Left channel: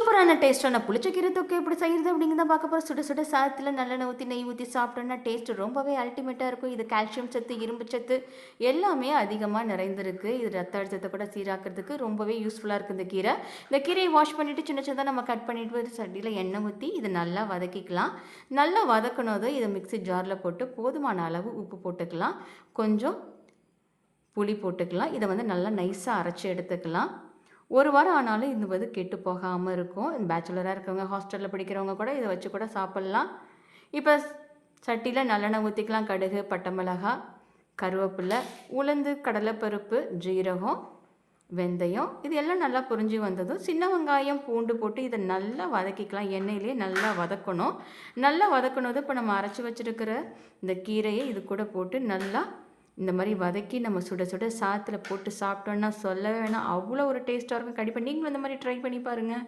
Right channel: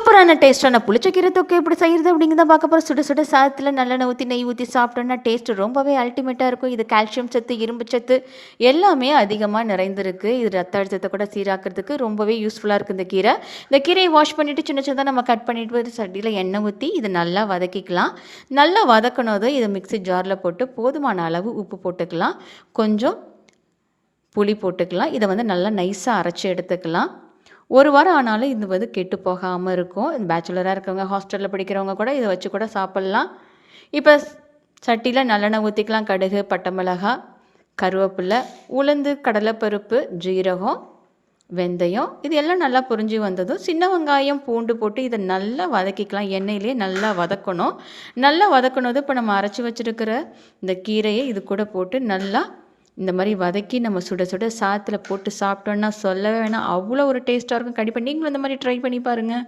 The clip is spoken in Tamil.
சூப்பரான டேஸ்ட்டான புளிச்சக்கீரை தொக்கு எப்படி செய்கிறது அப்படிங்கிறத பார்க்க போகிறோம். சுட சுட சாதத்தில் நல்லெண்ணெய் ஊற்றி நெய் ஊற்றி சாப்பிட்டோன்னா டேஸ்ட்டு ரொம்பவே அல்டிமேட்டாக இருக்கும். இது கால்சியம் சத்து, இரும்பு சத்து எல்லாமே அதிகமாக நிறைந்திருக்கு. இது ரத்த அழுத்தத்தை கூட சீராக்கிறதுக்கு ரொம்பவே யூஸ்ஃபுல்லாக இருக்குது இந்த கீரை. இந்த கீரையை வாஷ் பண்ணிவிட்டு சின்ன சின்னதாக நம்ம கட் பண்ணிட்டு சட்டியில் எண்ணெய் ஊற்றி இதை நல்லா வதக்கிக்கலாம். நல்லா வதக்கணும். இதை மிக்ஸி ஜாரில் போட்டு போதுமான அளவு உப்பு போட்டுக்கலாம், கொஞ்சம் புளி போட்டுக்கலாம். இதை நல்லா நைஸாக அரைச்சி எடுத்துக்கலாம். ஒரு வாரம் ஆனாலும் இது கெட்டு போகாமல் இருக்கும். பேச்சுலராக இருக்கவங்க, ஹாஸ்டலில் படிக்கிறவங்க கூட இதை வச்சு கூட சாப்பிட்லாம். இப்போ சட்டியில் நல்லெண்ணெய் ஊற்றிக்கலாம். கடுகு, பட்டை மிளகாய், கருவேப்பிலை, உளுந்து, கடலைப்பருப்பு, ஜீரகம், வெந்தயம் இது எல்லாம் நல்லா பொரிஞ்சு வந்ததும் சின்ன வெங்காயம், பூண்டு போட்டு இதை நல்லா வதக்கிக்கலாம். எண்ணெயிலே நல்லா வதக்கணும். நல்லா வதக்கணும். இப்போ நம்ம அரைச்சி வச்சுருக்கிற இந்த கீரையை இது கூட போட்டு நல்லா இந்த மாதிரி வதக்கி நம்ம சுட சுட சாதத்தில் போட்டு சாப்பிட்டோன்னா சொல்லவே வேணாம், அவ்வளோ ஒரு டேஸ்ட்டாக இருக்கும். கண்டிப்பாக நீங்களும் இந்த மாதிரி ட்ரை பண்ணி பாருங்கள்.